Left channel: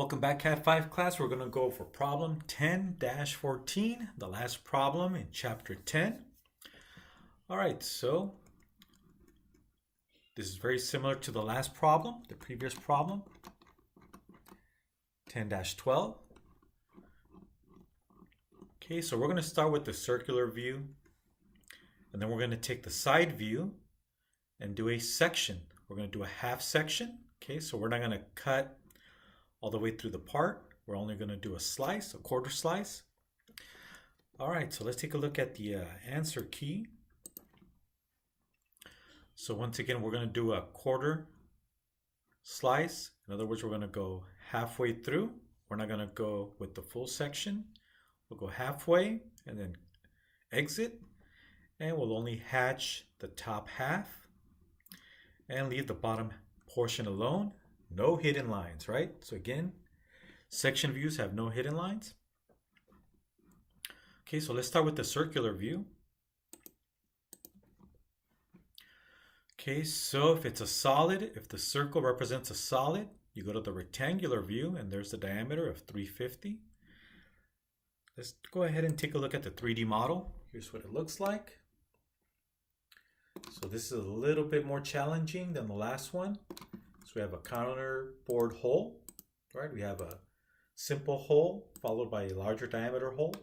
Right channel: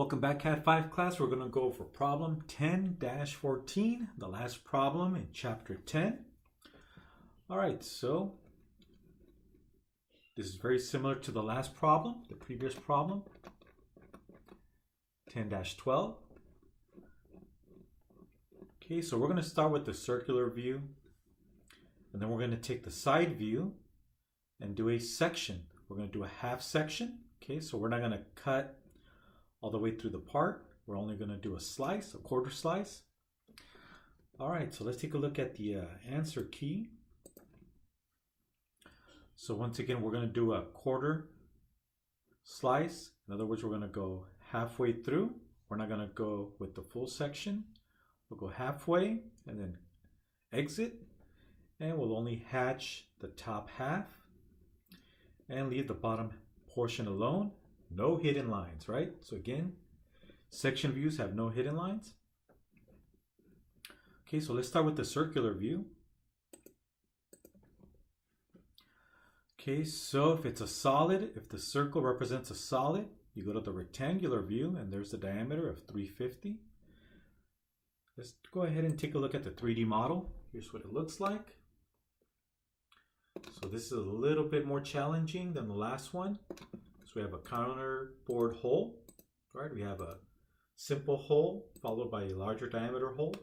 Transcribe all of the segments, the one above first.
Welcome back, Cat 5 class. We're going to go over problem 10-14, the last problem in chapter 10. All right, so this is very similar to the last problem, the previous problem, 10-12. Okay, so we're going to start with the circular view, and then we're going to take the side view and do a section. We're going to do a half section. Okay, so we're not going to cut all the way through the part. We're only going to do a slice, a quarter slice. All right, so let's take a look at the answer key. So once again, we're going to do a quarter slice. In other words, we're going to go halfway through. We're not going to go with the full section. We'll go halfway and then exit. And we'll only hatch the top half and leave the bottom portion alone. No hidden lines, right? So again, section views have no hidden lines. Okay, so let's start with the circular view. Okay, so if it's a solid, if the circle represents a solid, you go to the rectangular view and there's the diameter of 350. Let's go ahead and take a look at the 3D model. Here's what it looks like. So this is a little bit more challenging than the last one. So we have a counter bored hole, right? We have a simple hole followed by a larger diameter hole.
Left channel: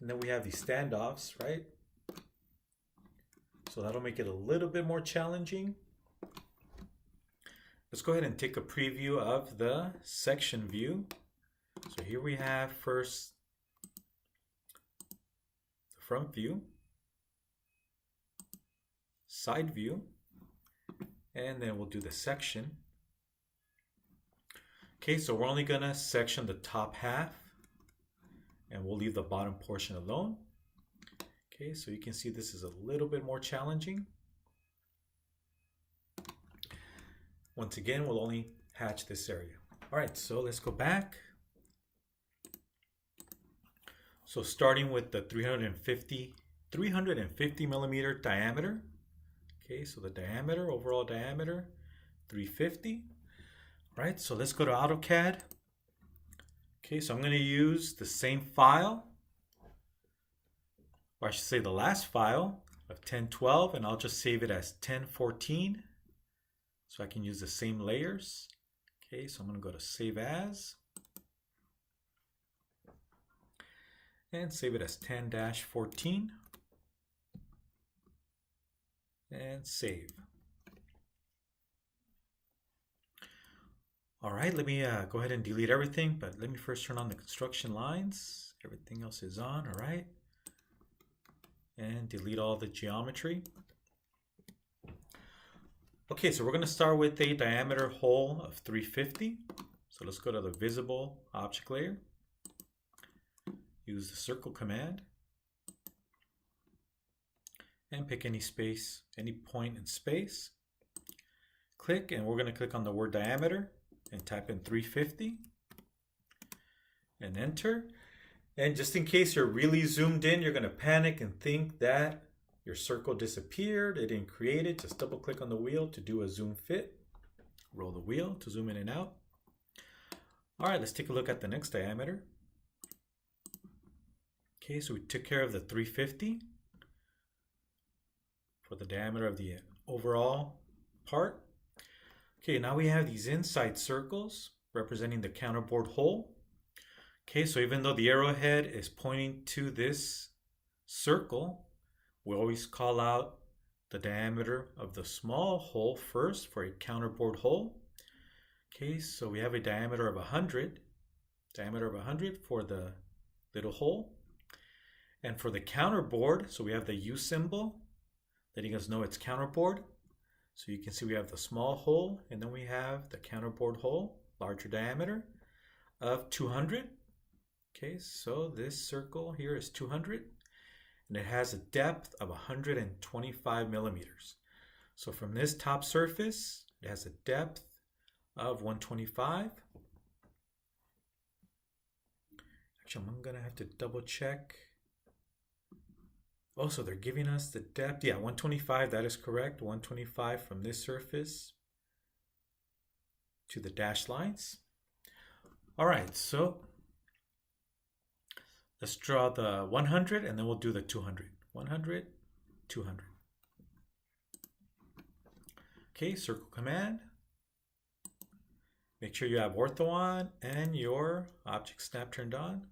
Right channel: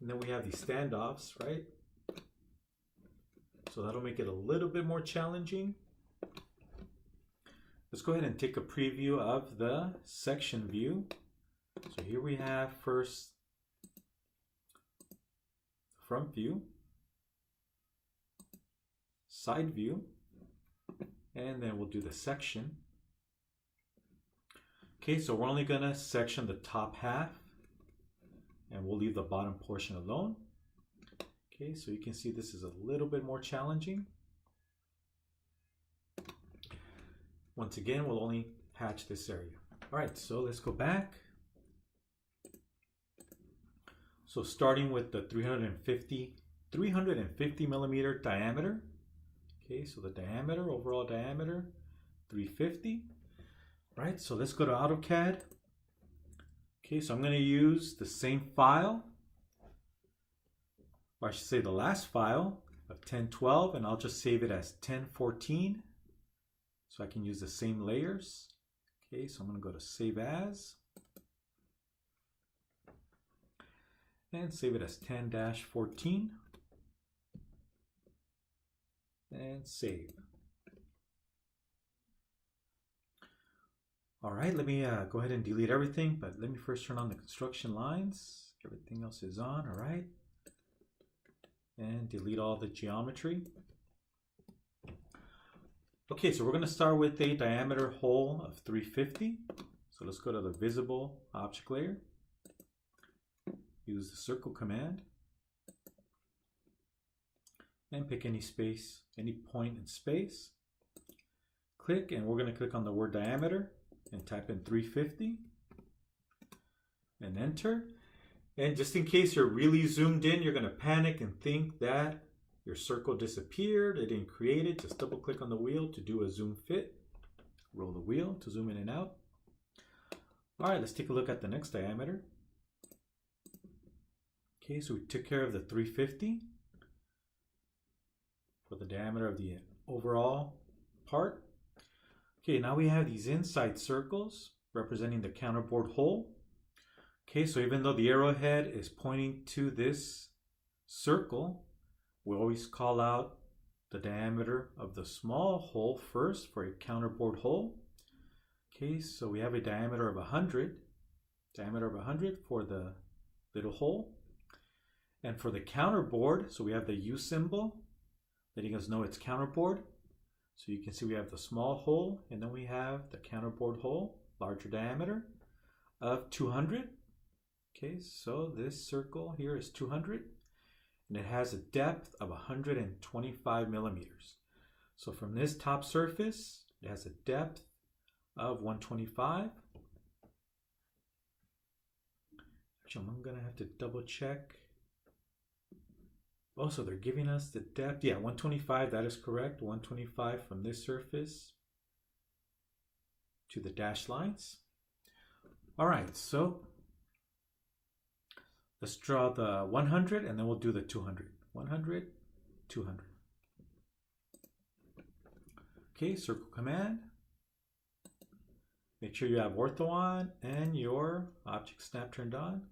And then we have these standoffs, right? So that'll make it a little bit more challenging. Let's go ahead and take a preview of the section view. So here we have first the front view, side view, and then we'll do the section. Okay, so we're only gonna section the top half and we'll leave the bottom portion alone. Okay, so you can see this is a little bit more challenging. Once again, we'll only hatch this area. All right, so let's go back. So starting with the 350 millimeter diameter. Okay, so the diameter, overall diameter, 350. All right, so let's go to AutoCAD. Okay, so I'm going to use the same file, or I should say the last file of 1012, and I'll just save it as 1014 so I can use the same layers. Okay, so I'm going to go to Save As and save it as 10-14 and save. All right, let me go ahead and delete everything, but let me first turn on the construction lines. Everything else is on, all right. And delete all the geometry. Okay, so we're gonna start with a diameter hole of 350. So let's go to the visible object layer. Use the circle command. And pick any space, any point in space. Click, and we're gonna click on the word diameter and type in 350 and enter. And just in case you're really zoomed in, you're gonna panic and think that your circle disappeared, it didn't create it. Just double click on the wheel to do a zoom fit. Roll the wheel to zoom in and out. All right, let's take a look at the next diameter. Okay, so we took care of the 350 for the diameter of the overall part. Okay, now we have these inside circles representing the counterbored hole. Okay, so even though the arrowhead is pointing to this circle, we always call out the diameter of the small hole first for a counterbored hole. Okay, so we have a diameter of 100 for the little hole. And for the counterboard, so we have the U symbol, letting us know it's counterboard. So you can see we have the small hole, and then we have the counterboard hole, larger diameter of 200. Okay, so this circle here is 200, and it has a depth of 125 millimeters. So from this top surface, it has a depth of 125. Actually, I'm gonna have to double check. Oh, so they're giving us the depth. Yeah, 125, that is correct. 125 from this surface to the dashed lines. All right, so let's draw the 100 and then we'll do the 200. 100, 200. Okay, circle command. Make sure you have ortho on and your object snap turned on.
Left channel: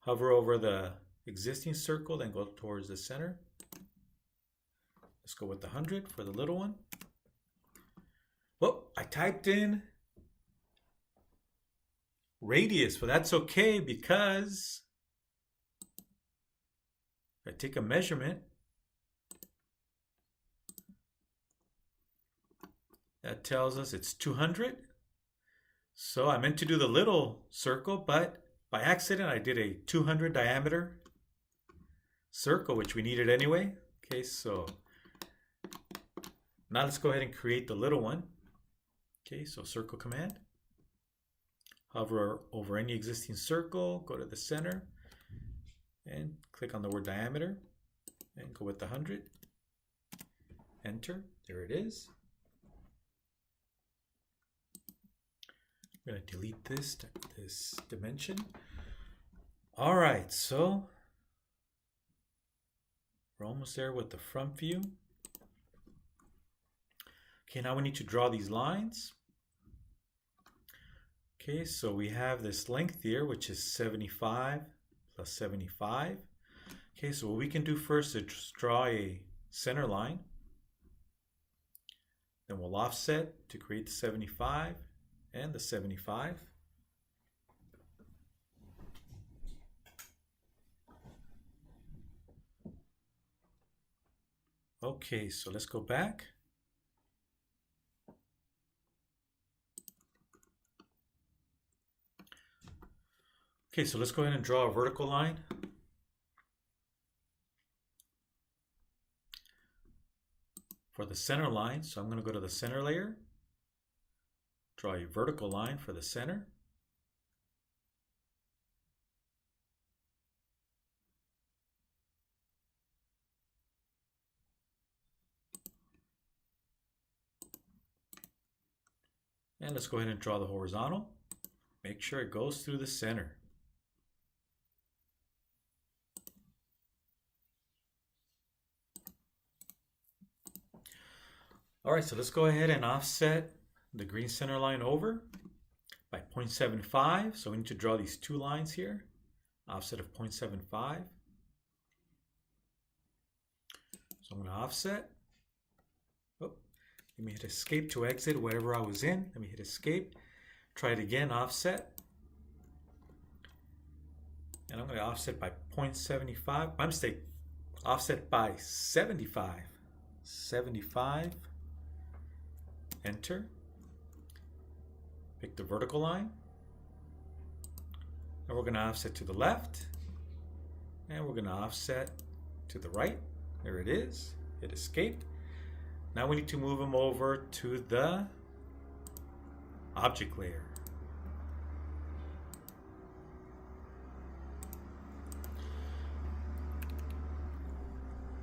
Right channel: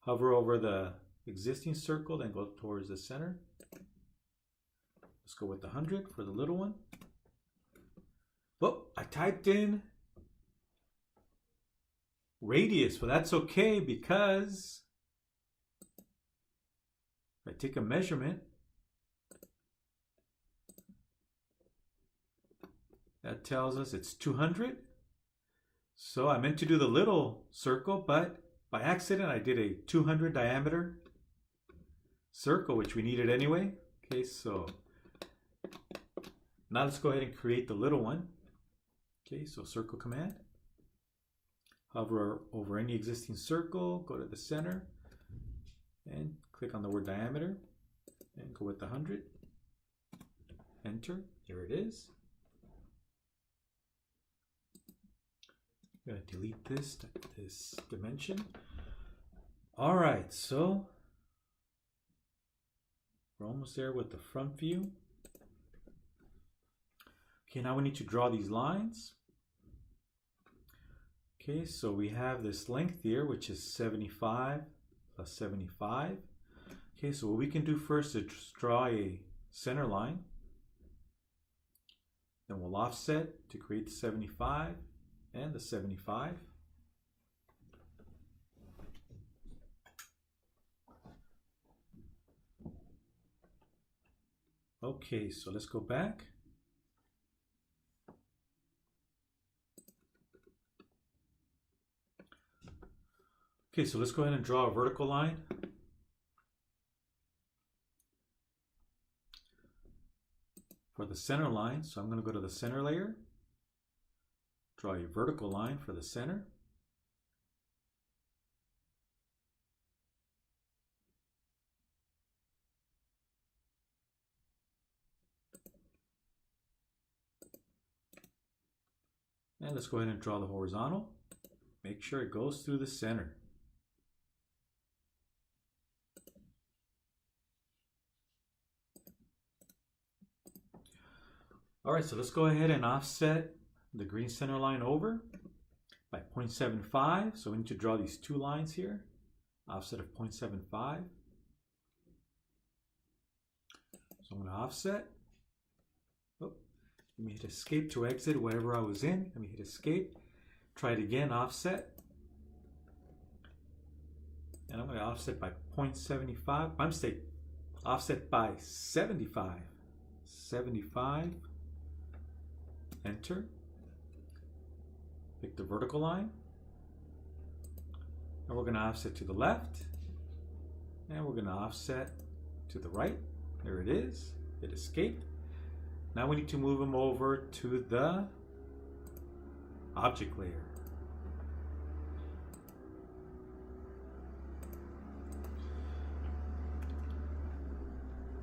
Hover over the existing circle, then go towards the center. Let's go with the 100 for the little one. Well, I typed in radius, but that's okay because if I take a measurement, that tells us it's 200. So I meant to do the little circle, but by accident I did a 200 diameter circle, which we needed anyway. Okay, so now let's go ahead and create the little one. Okay, so circle command. Hover over any existing circle, go to the center, and click on the word diameter, and go with the 100. Enter, there it is. I'm going to delete this dimension. All right, so we're almost there with the front view. Okay, now we need to draw these lines. Okay, so we have this length here, which is 75 plus 75. Okay, so what we can do first is draw a center line. Then we'll offset to create the 75 and the 75. Okay, so let's go back. Okay, so let's go ahead and draw a vertical line. For the center line, so I'm going to go to the center layer, draw a vertical line for the center. And let's go ahead and draw the horizontal. Make sure it goes through the center. All right, so let's go ahead and offset the green center line over by 0.75. So we need to draw these two lines here. Offset of 0.75. So I'm going to offset. Oh, let me hit escape to exit whatever I was in. Let me hit escape. Try it again, offset. And I'm going to offset by 0.75. My mistake. Offset by 75. 75. Enter. Pick the vertical line. And we're going to offset to the left. And we're going to offset to the right. There it is. Hit escape. Now we need to move them over to the object layer.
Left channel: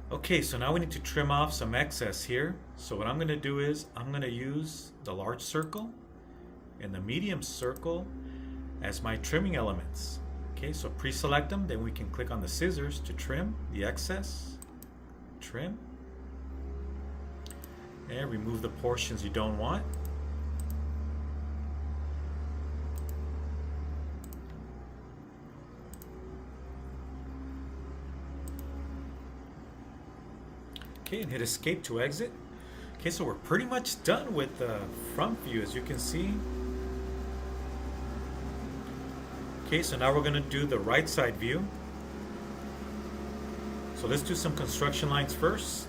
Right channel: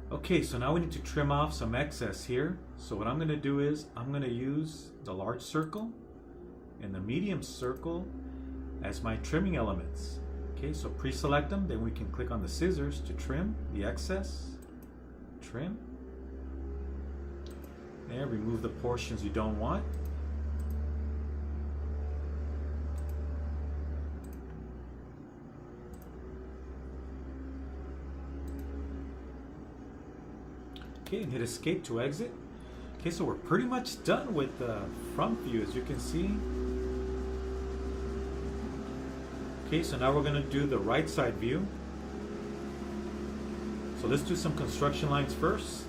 Okay, so now we need to trim off some excess here. So what I'm going to do is I'm going to use the large circle and the medium circle as my trimming elements. Okay, so pre-select them, then we can click on the scissors to trim the excess. Trim. And remove the portions you don't want. Okay, and hit escape to exit. Okay, so we're pretty much done with the front view, as you can see. Okay, so now we're going to do the right side view. So let's do some construction lines first.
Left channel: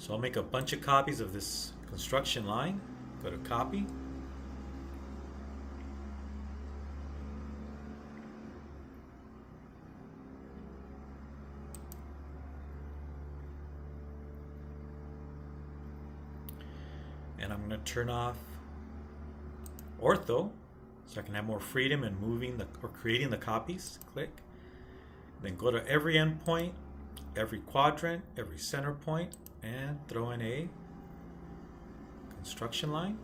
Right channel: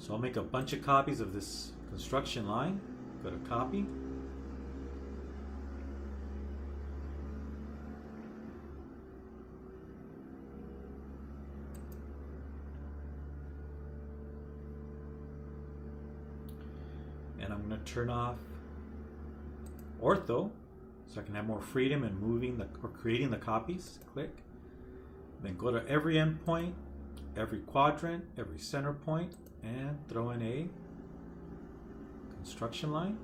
So I'll make a bunch of copies of this construction line. Go to copy. And I'm going to turn off ortho so I can have more freedom in moving or creating the copies. Click. Then go to every endpoint, every quadrant, every center point, and throw in a construction line.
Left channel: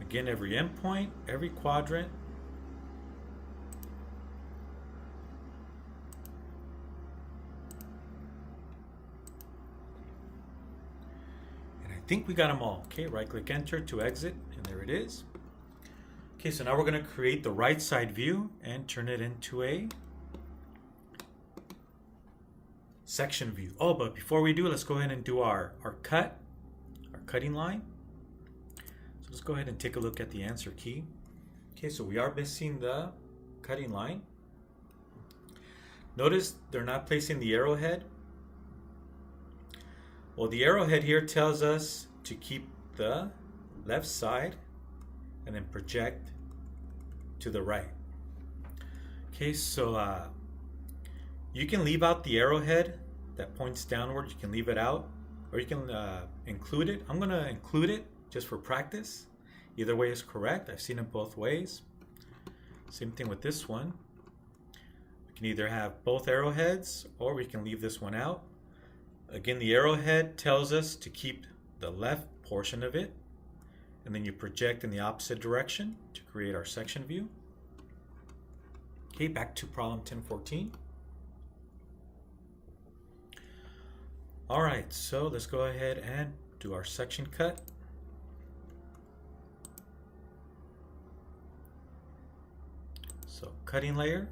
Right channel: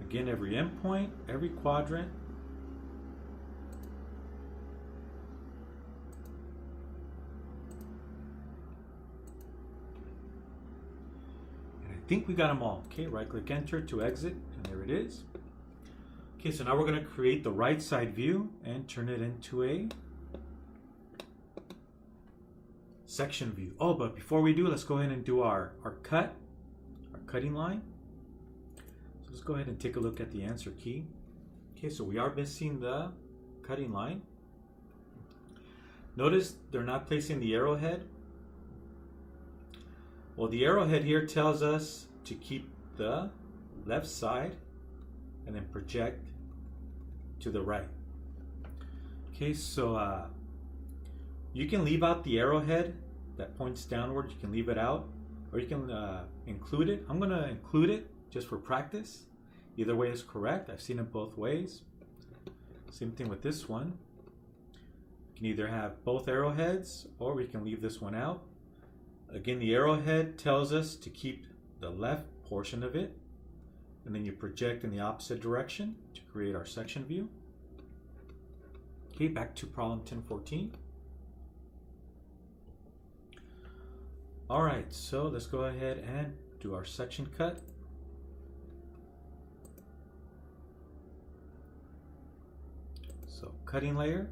Again, every endpoint, every quadrant. And I think we got them all. Okay, right click enter to exit, and there it is. Okay, so now we're going to create the right side view and turn it into a section view. Oh, but before we do, let's go ahead and do our cutting line. So let's go ahead and take a look at the answer key. Okay, so we are missing the cutting line. Notice they're not placing the arrowhead. Well, the arrowhead here tells us to keep the left side and then project to the right. Okay, so you can leave out the arrowhead that points downward. You can leave it out, or you can include it. I'm going to include it just for practice. Either way is correct. I've seen it both ways. Same thing with this one. We can either have both arrowheads, or we can leave this one out. Again, the arrowhead tells us to keep the left portion of it, and then you project in the opposite direction to create our section view. Okay, back to problem 1014. All right, so let's go ahead and do our section cut. So cutting layer,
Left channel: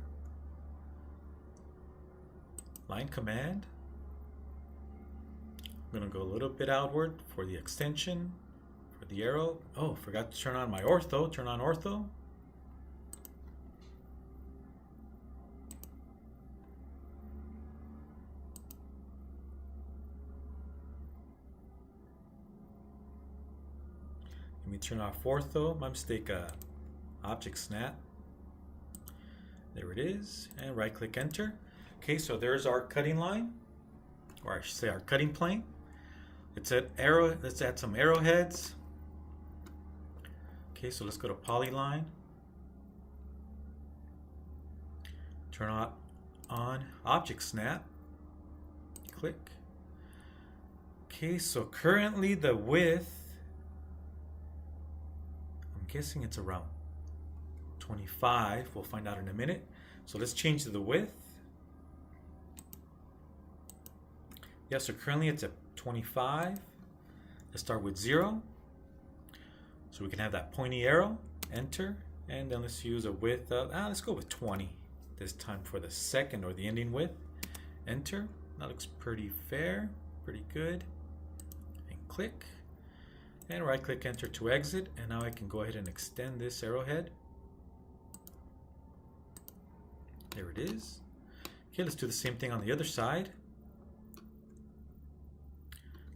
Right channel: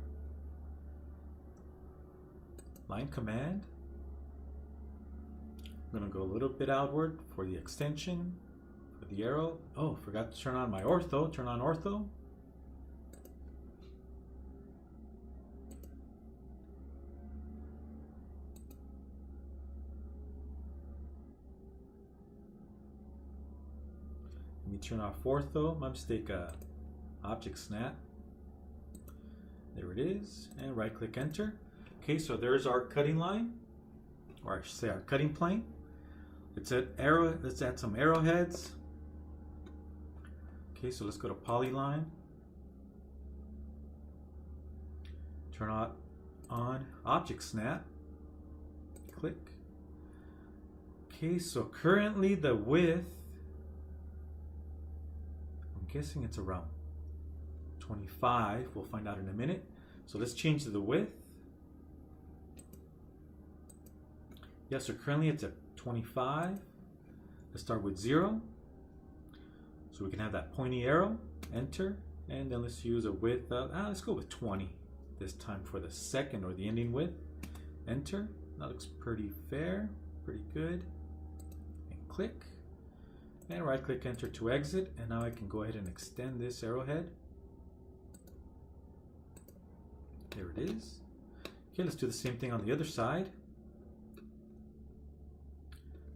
line command. I'm going to go a little bit outward for the extension, for the arrow. Oh, forgot to turn on my ortho. Turn on ortho. Let me turn off ortho. My mistake, object snap. There it is, and right click enter. Okay, so there's our cutting line, or I should say our cutting plane. Let's add some arrowheads. Okay, so let's go to polyline. Turn on object snap. Click. Okay, so currently the width, I'm guessing it's around 25. We'll find out in a minute. So let's change the width. Yeah, so currently it's at 25. Let's start with 0. So we can have that pointy arrow, enter, and then let's use a width of, let's go with 20 this time for the second or the ending width. Enter. That looks pretty fair, pretty good. And click. And right click enter to exit. And now I can go ahead and extend this arrowhead. There it is. Okay, let's do the same thing on the other side.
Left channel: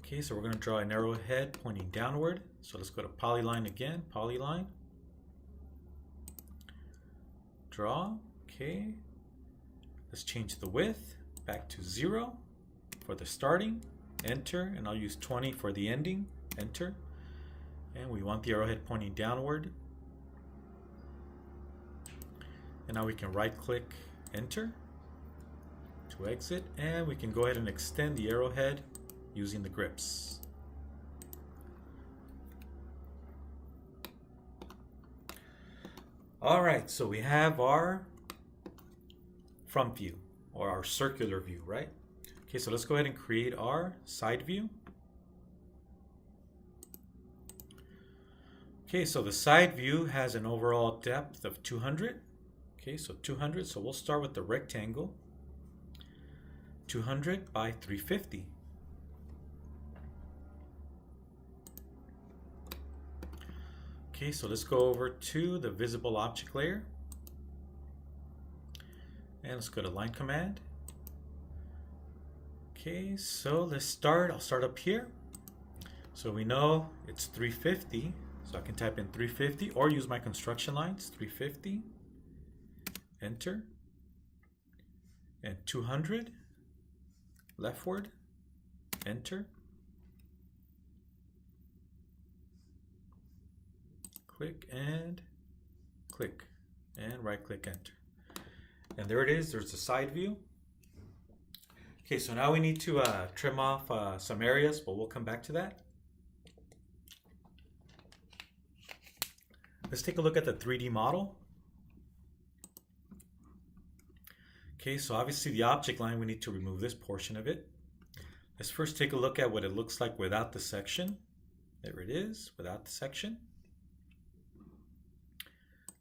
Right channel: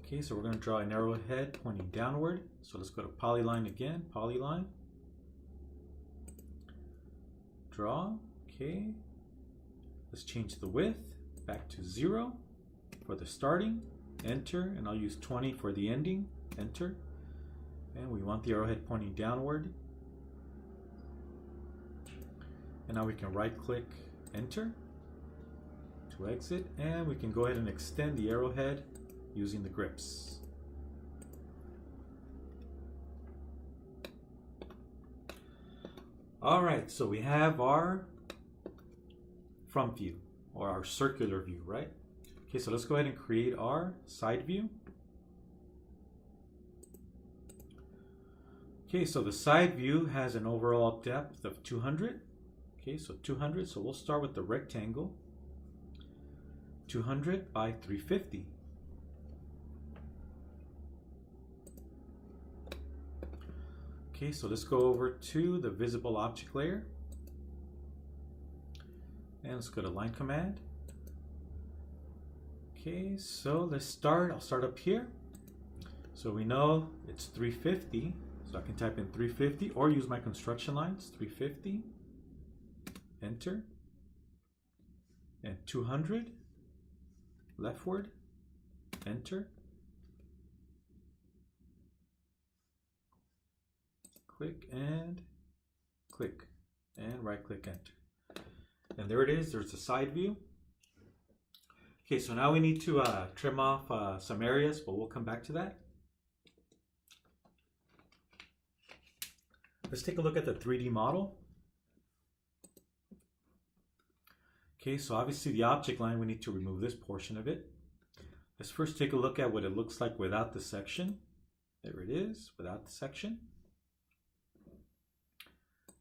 Okay, so we're going to draw an arrowhead pointing downward. So let's go to polyline again, polyline. Draw, okay. Let's change the width back to 0 for the starting, enter, and I'll use 20 for the ending, enter. And we want the arrowhead pointing downward. And now we can right click, enter to exit, and we can go ahead and extend the arrowhead using the grips. All right, so we have our front view, or our circular view, right? Okay, so let's go ahead and create our side view. Okay, so the side view has an overall depth of 200. Okay, so 200, so we'll start with the rectangle. 200 by 350. Okay, so let's go over to the visible object layer. And let's go to line command. Okay, so let's start. I'll start up here. So we know it's 350. So I can type in 350 or use my construction lines. 350. Enter. And 200. Leftward. Enter. click and click, and right click enter. And there it is, there's the side view. Okay, so now we need to trim off some areas, but we'll come back to that. Let's take a look at the 3D model. Okay, so obviously the object line, we need to remove this portion of it. Let's first take a look at what it looks like without the section. There it is, without the section.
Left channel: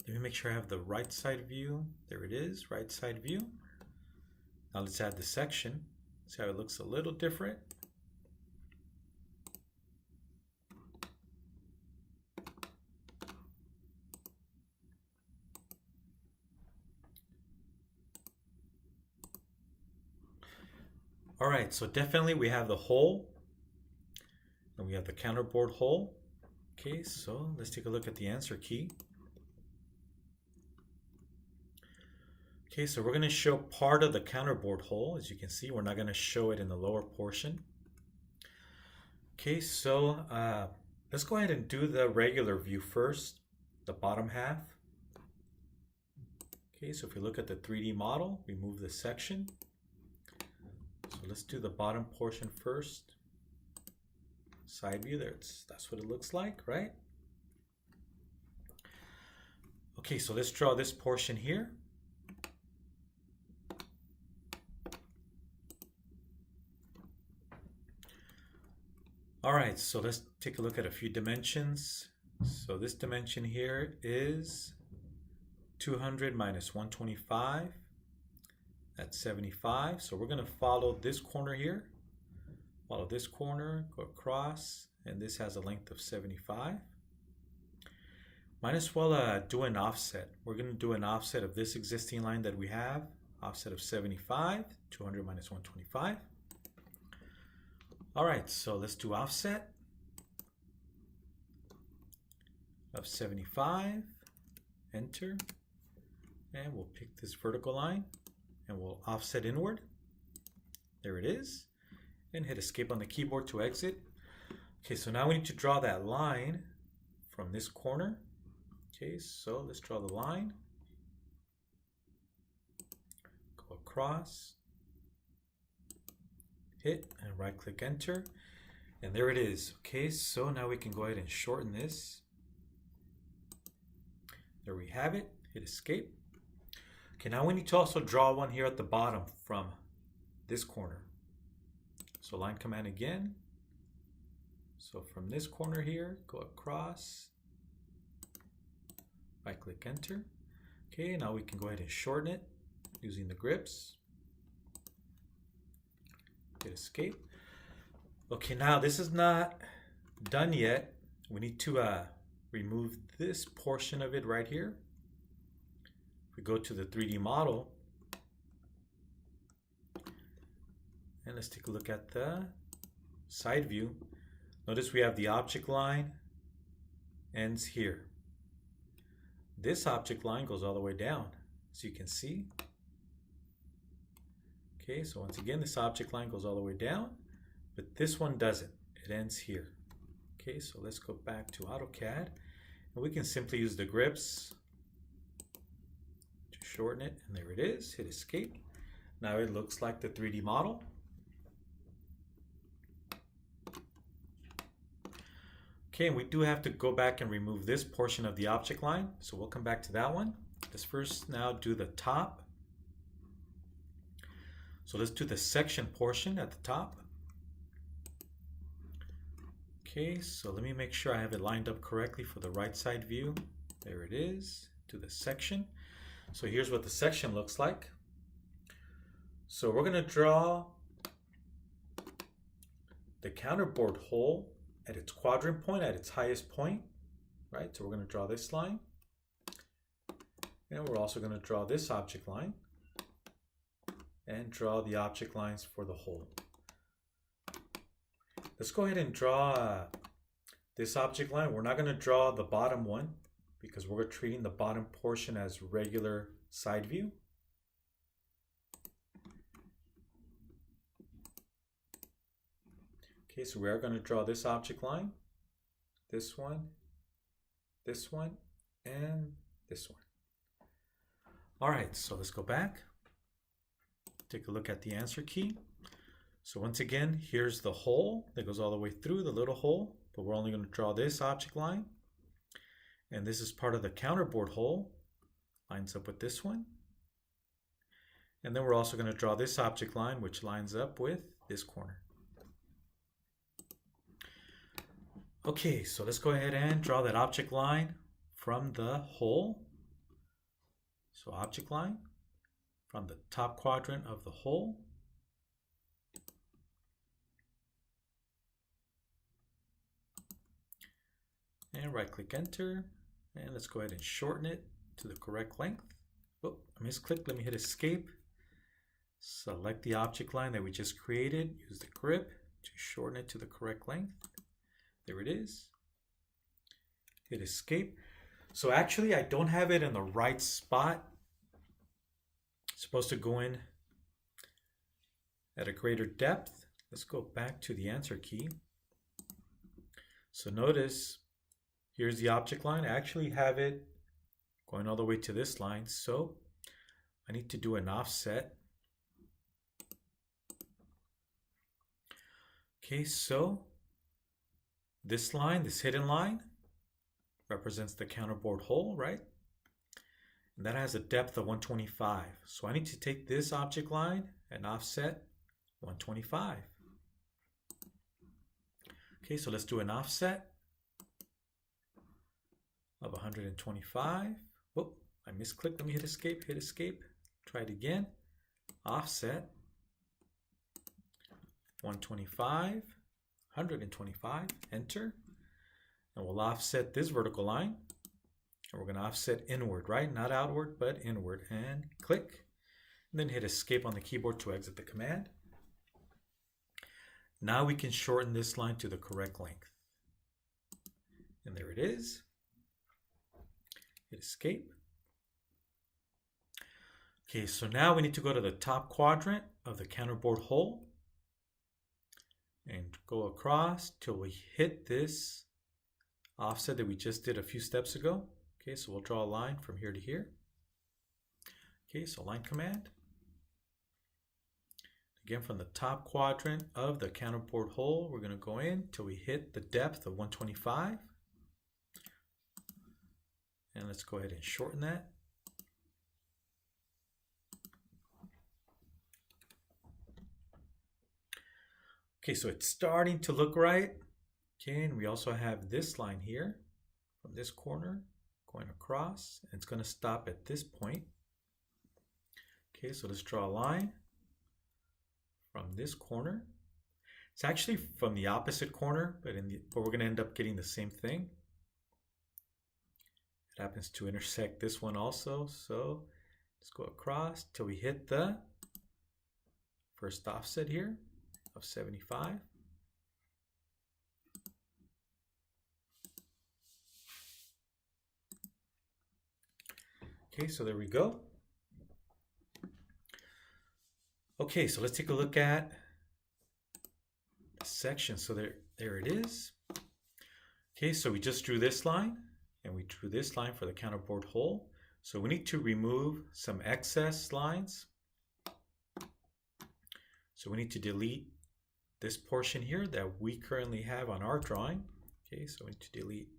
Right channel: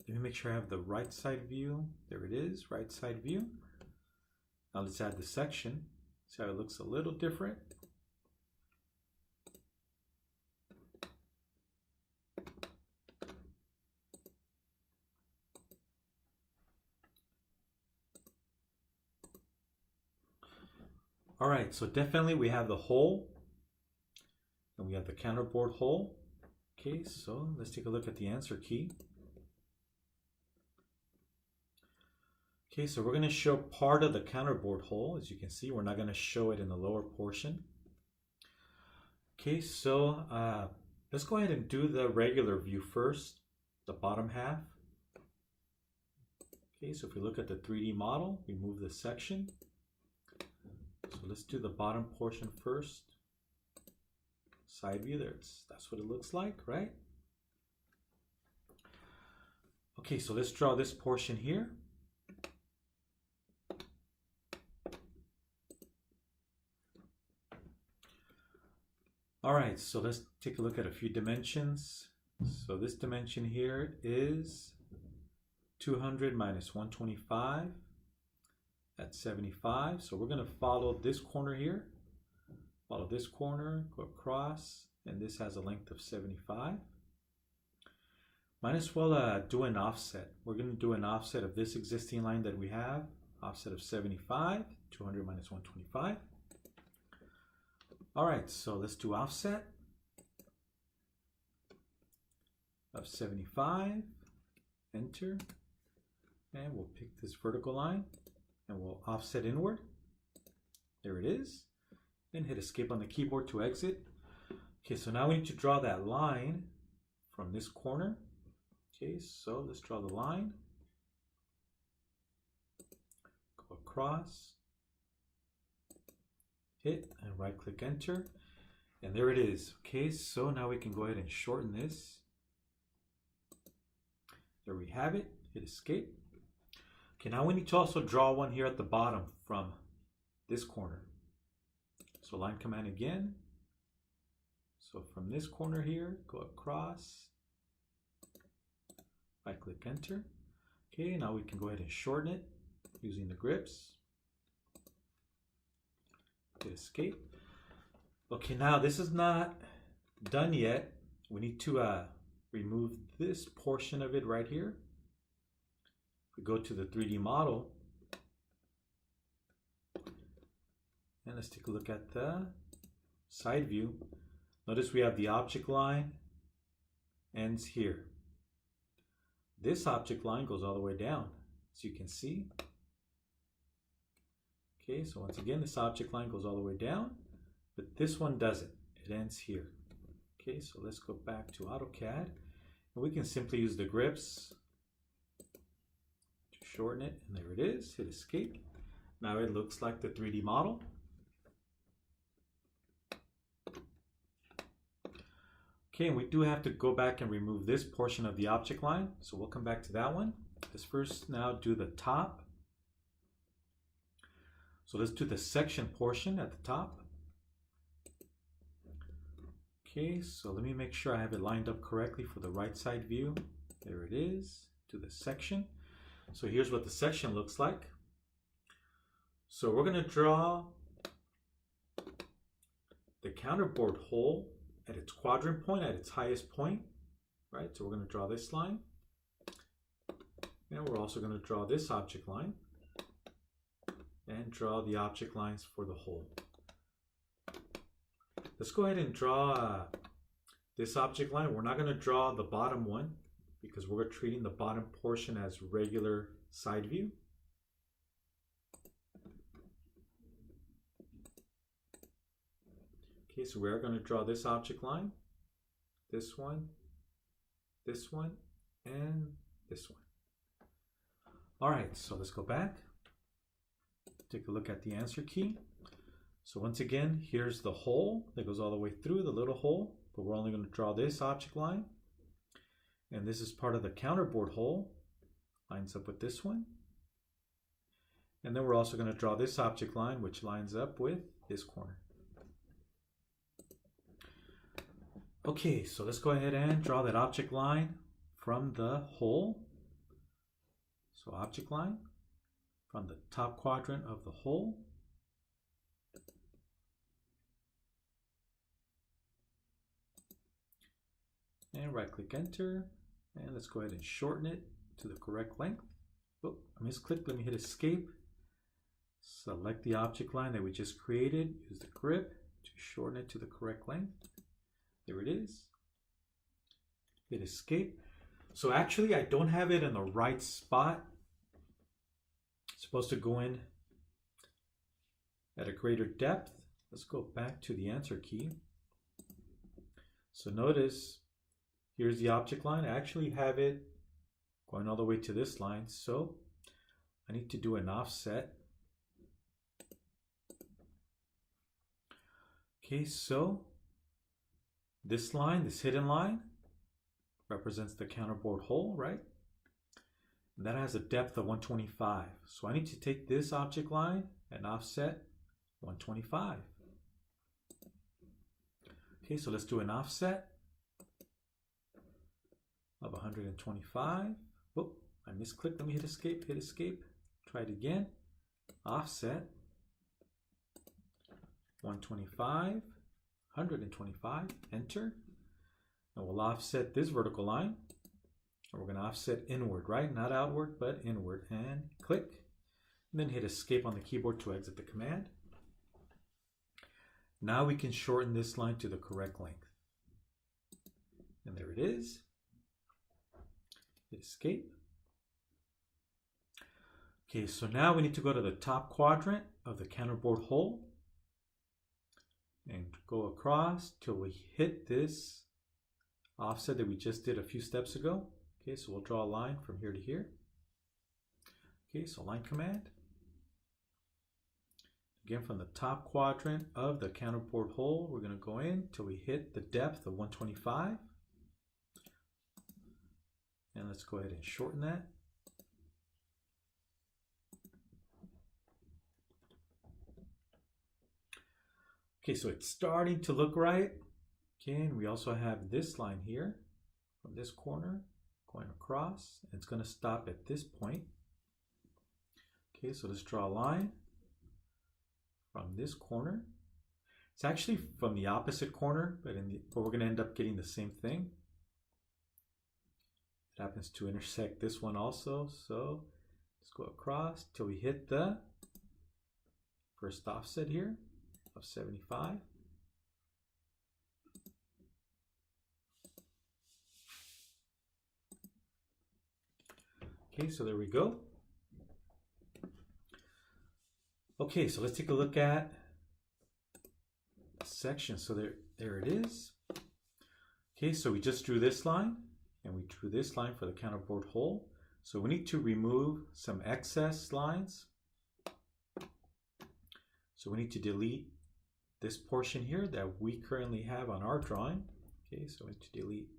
Let me make sure I have the right side view. There it is, right side view. Now let's add the section. See how it looks a little different. All right, so definitely we have the hole and we have the counterboard hole. Okay, so let's take a look at the answer key. Okay, so we're going to show part of the counterboard hole. As you can see, we're not going to show it in the lower portion. Okay, so let's go ahead and do the regular view first, the bottom half. Okay, so if we look at the 3D model, remove the section. So let's do the bottom portion first. Side view, that's what it looks like, right? Okay, so let's draw this portion here. All right, so let's take a look at a few dimensions. So this dimension here is 200 minus 125. That's 75. So we're going to follow this corner here. Follow this corner, go across, and this has a length of 75. Might as well do an offset. We're going to do an offset of this existing line that we have. Offset of 75, 200 minus 125. All right, so let's do offset of 75, enter, and we'll pick this vertical line and we'll offset inward. There it is, and hit escape on the keyboard to exit. Okay, so now we need to draw that line from this corner. Okay, so let's draw the line, go across, hit and right click enter, and there it is. Okay, so now we can go ahead and shorten this. There we have it, hit escape. Okay, now we need to also draw one here at the bottom from this corner. So line command again. So from this corner here, go across, right click enter. Okay, now we can go ahead and shorten it using the grips. Hit escape. Okay, now this is not done yet. We need to remove this portion of it right here. If we go to the 3D model, and let's take a look at the side view. Notice we have the object line ends here. This object line goes all the way down, as you can see. Okay, so once again, this object line goes all the way down, but this one doesn't. It ends here. Okay, so let's go back to AutoCAD, and we can simply use the grips to shorten it, and there it is. Hit escape. Now it looks like the 3D model. Okay, and we do have to go back and remove this portion of the object line, so we'll come back to that one. Let's first now do the top. So let's do the section portion at the top. Okay, so let me make sure I have it lined up correctly for the right side view. There it is, to the section. So here's what the section looks like. So we're going to draw the counterboard hole at its quadrant point, at its highest point, right? So we're going to draw this line. And we're also going to draw this object line and draw the object lines for the hole. Let's go ahead and draw this object line. We're not going to draw the bottom one because we're treating the bottom portion as regular side view. Okay, so we are going to draw this object line, this one, this one, and this one. All right, so let's go back. Take a look at the answer key. So once again, here's the hole that goes all the way through, the little hole, but we're only going to draw this object line. And this is part of the counterboard hole, lines up with this one. And then we're also going to draw this object line, which lines up with this corner. Okay, so let's go ahead and draw that object line from the hole. So object line from the top quadrant of the hole. And right click enter, and let's go ahead and shorten it to the correct length. Oh, I misclicked, let me hit escape. Select the object line that we just created, use the grip to shorten it to the correct length. There it is. Hit escape. So actually I don't have it in the right spot. It's supposed to go in at a greater depth. Let's go back to the answer key. So notice, here's the object line. I actually have it going all the way to this line. So I need to do an offset. Okay, so this line, this hidden line, represents the counterboard hole, right? And that has a depth of 125. So I need to take this object line and offset 125. Okay, so let's do an offset of 125. Whoop, I misclicked. Let me hit escape. Try it again. Offset 125, 125, enter. And we'll offset this vertical line. And we're going to offset inward, right? Not outward, but inward. And click. And then hit escape on the keyboard to exit the command. Now we can shorten this line to the correct length. And there it is. Hit escape. Okay, so now we need to go to the top quadrant of the counterboard hole and go across till we hit this offset that we just did a few steps ago. Okay, so we'll draw a line from here to here. Okay, so line command. Again, from the top quadrant of the counterboard hole, we're going to go in till we hit the depth of 125. And let's go ahead and shorten that. Okay, so it's starting to look right. Okay, and we also have this line here from this corner going across. And it's going to stop at this point. Okay, so let's draw a line from this corner. It's actually from the opposite corner, but we're going to end up getting the same thing. It happens to intersect this one also. So let's go across till we hit the first offset here of 75. Okay, so there we go. Okay, so let's take a look at the section. So there it is. Okay, so we just drew this line and we drew this line for the counterboard hole. So we need to remove some excess lines. So we need to delete this portion here that we currently have on our drawing. Okay, so we need to delete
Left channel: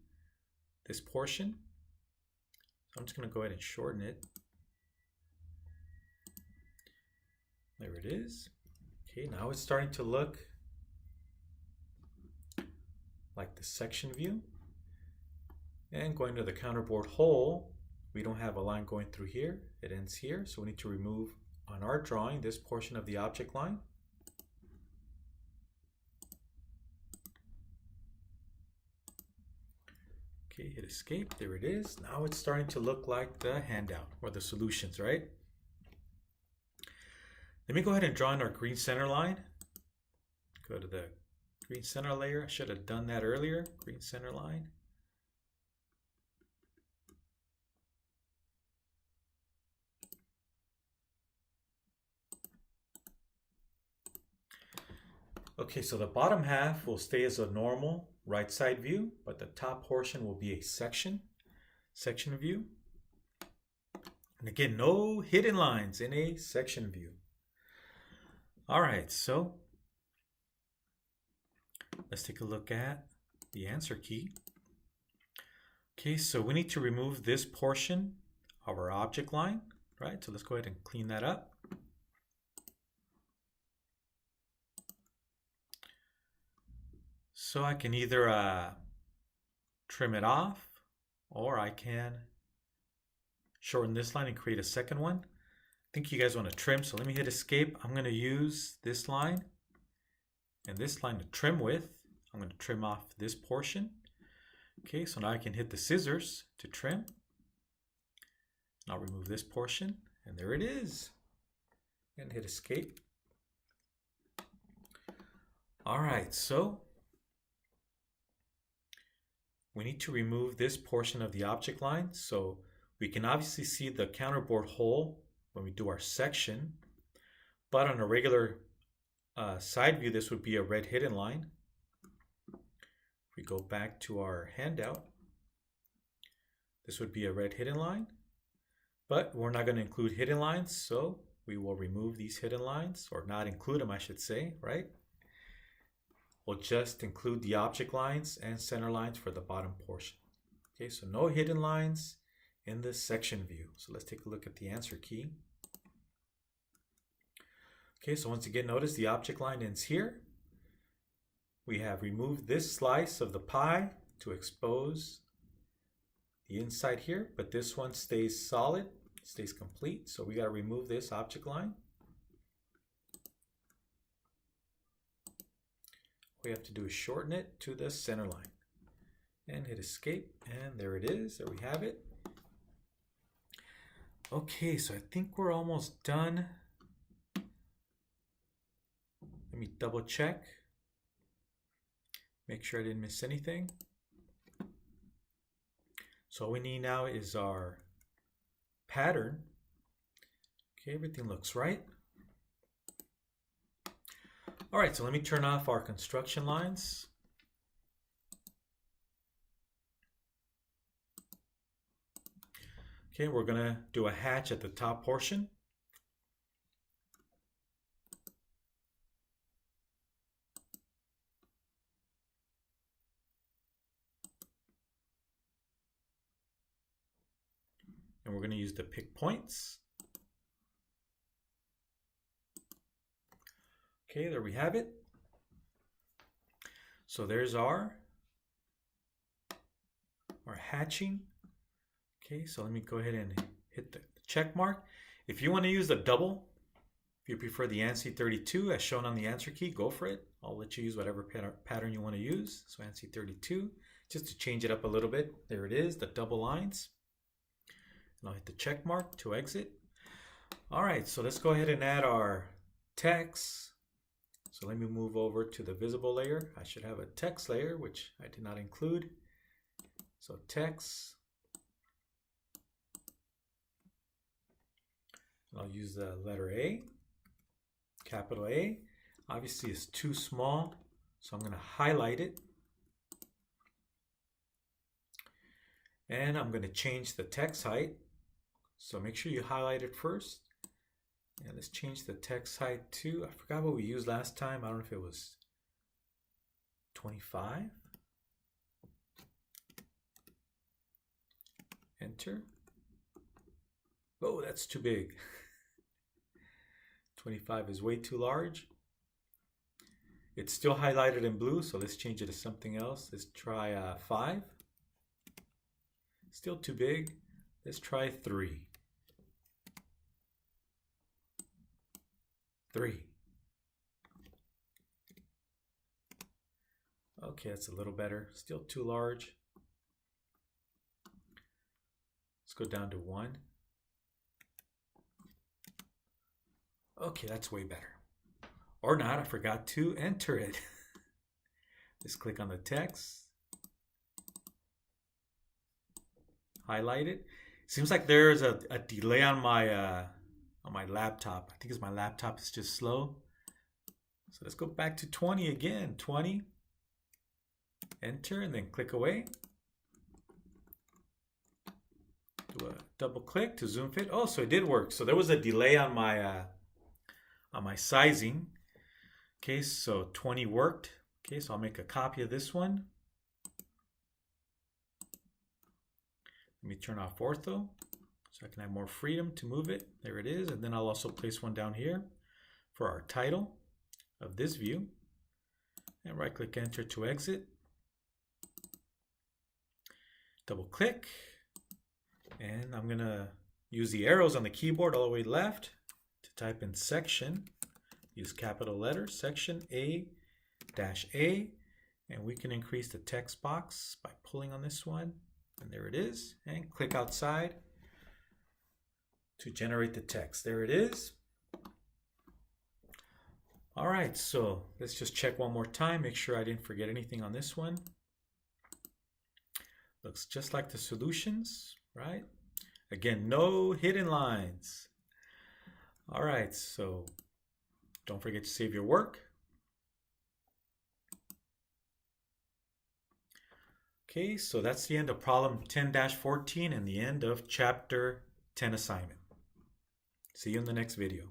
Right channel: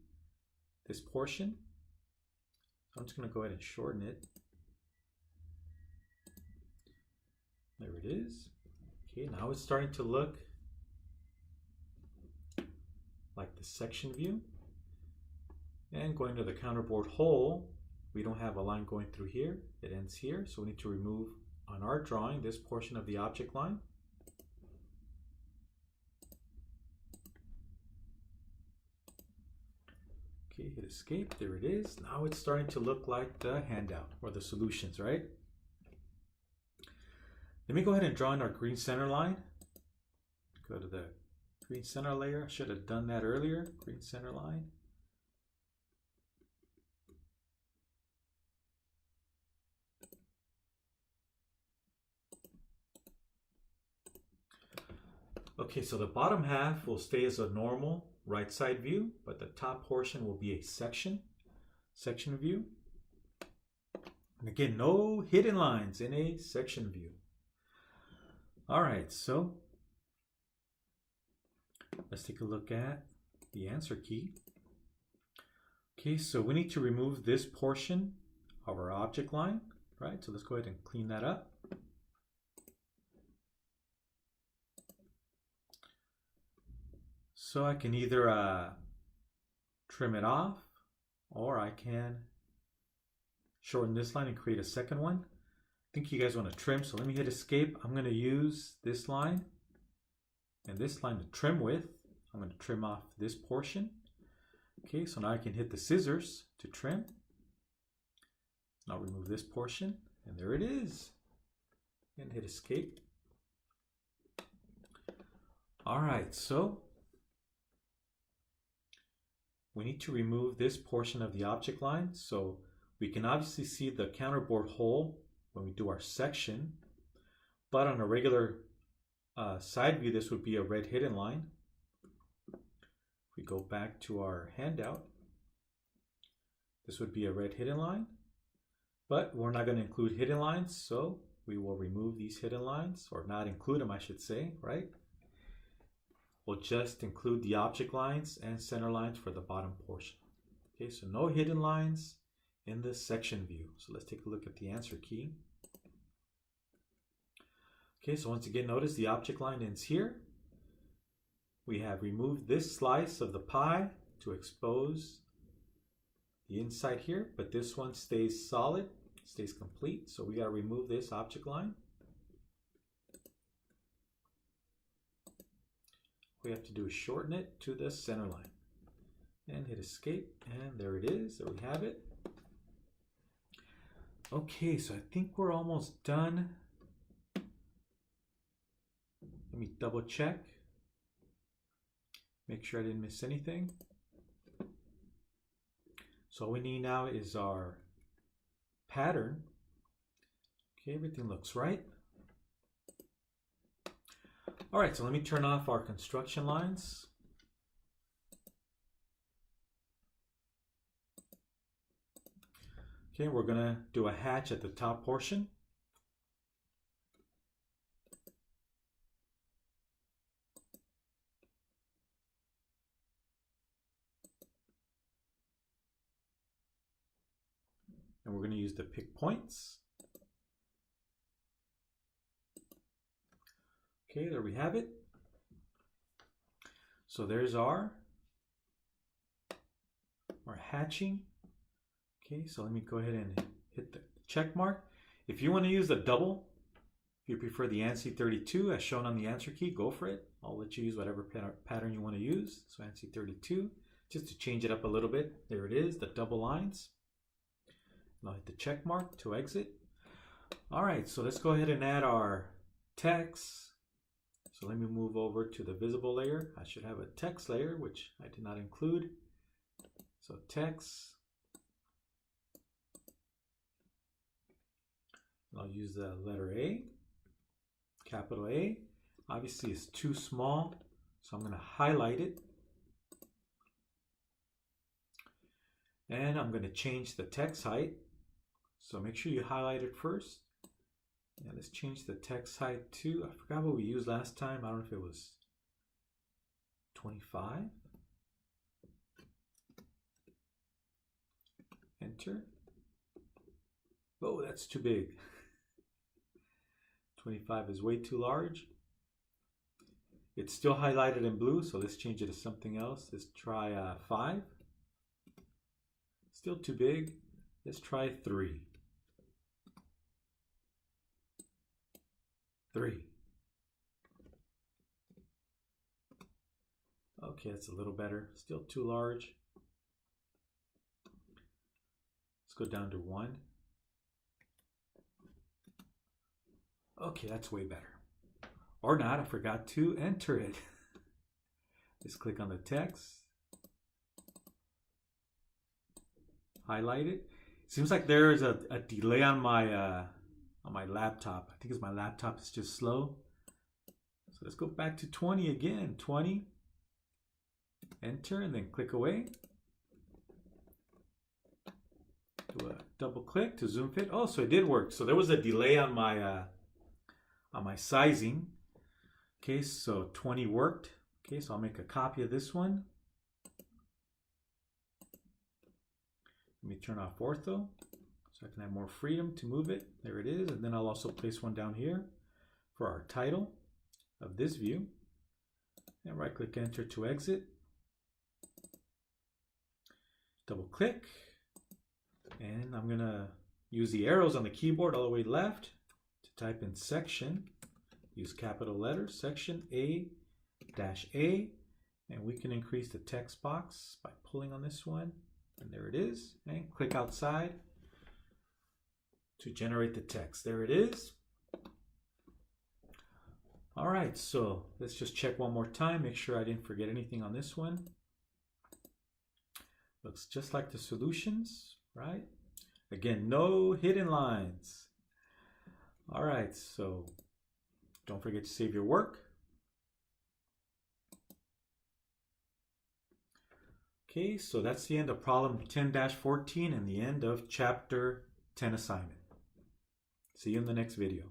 this portion. I'm just going to go ahead and shorten it. There it is. Okay, now it's starting to look like the section view. And going to the counterboard hole, we don't have a line going through here. It ends here. So we need to remove on our drawing this portion of the object line. Okay, hit escape. There it is. Now it's starting to look like the handout or the solutions, right? Let me go ahead and draw in our green center line. Go to the green center layer. I should have done that earlier. Green center line. Okay, so the bottom half will stay as a normal right side view, but the top portion will be a section. section view. And again, no hidden lines in a section view. All right, so let's take a look at the answer key. Okay, so we need to remove this portion of our object line, right? So let's go ahead and clean that up. So I can either trim it off, or I can shorten this line and create a second one. I think you guys want to trim, so let me hit escape. I'm going to use this line and this line to trim with. I'm going to trim off this portion. Okay, so now I can hit the scissors to trim. And I'll remove this portion, and there it is. And hit escape. All right, so we need to remove this portion of the object line. So we can obviously see the counterboard hole when we do our section, but on a regular side view, this would be a red hidden line. If we go back to our handout, this would be a red hidden line, but we're not going to include hidden lines, so we will remove these hidden lines, or not include them, I should say, right? We'll just include the object lines and center lines for the bottom portion. Okay, so no hidden lines in the section view. So let's take a look at the answer key. Okay, so once again, notice the object line ends here. We have removed this slice of the pie to expose the inside here, but this one stays solid, stays complete. So we got to remove this object line. What we have to do is shorten it to the center line and hit escape, and there it is. There we have it. Okay, so I think we're almost done. Let me double check. Make sure I didn't miss anything. So all we need now is our pattern. Okay, everything looks right. All right, so let me turn off our construction lines. Okay, we're gonna do a hatch at the top portion. And we're gonna use the pick points. Okay, there we have it. So there's our hatching. Okay, so let me go ahead and hit the check mark. If you want to use the double, if you prefer the ANSI 32 as shown on the answer key, go for it. I'll let you use whatever pattern you want to use. So ANSI 32, just to change it up a little bit. There it is, the double lines. And I'll hit the check mark to exit. All right, so let's go ahead and add our text. So let me move over to the visible layer. I should have a text layer, which I did not include. So text. I'll use the letter A, capital A. Obviously it's too small, so I'm going to highlight it. And I'm going to change the text height. So make sure you highlight it first. And let's change the text height to, I forgot what we used last time. I don't know if it was 25. Enter. Oh, that's too big. 25 is way too large. It's still highlighted in blue, so let's change it to something else. Let's try 5. Still too big. Let's try 3. 3. Okay, that's a little better. Still too large. Let's go down to 1. Okay, that's way better. Or not, I forgot to enter it. Just click on the text. Highlight it. Seems like there's a delay on my laptop. I think it's my laptop is just slow. So let's go back to 20 again. 20. Enter and then click away. Do a double click to zoom fit. Oh, so it did work. So there was a delay on my sizing. Okay, so 20 worked. Okay, so I'll make a copy of this one. Let me turn off ortho so I can have more freedom to move it. There it is. And then I'll also place one down here for our title of this view. And right click enter to exit. Double click. And I'm going to use the arrows on the keyboard all the way left to type in section. Use capital letters, section A-A. And we can increase the text box by pulling on this one. And there it is. And click outside to generate the text. There it is. All right, so let's just check one more time. Make sure I didn't forget anything on this one. Looks just like the solutions, right? Again, no hidden lines. All right, so don't forget to save your work. Okay, so that's the end of problem 10-14 and the end of chapter 10 assignment. See you in the next video.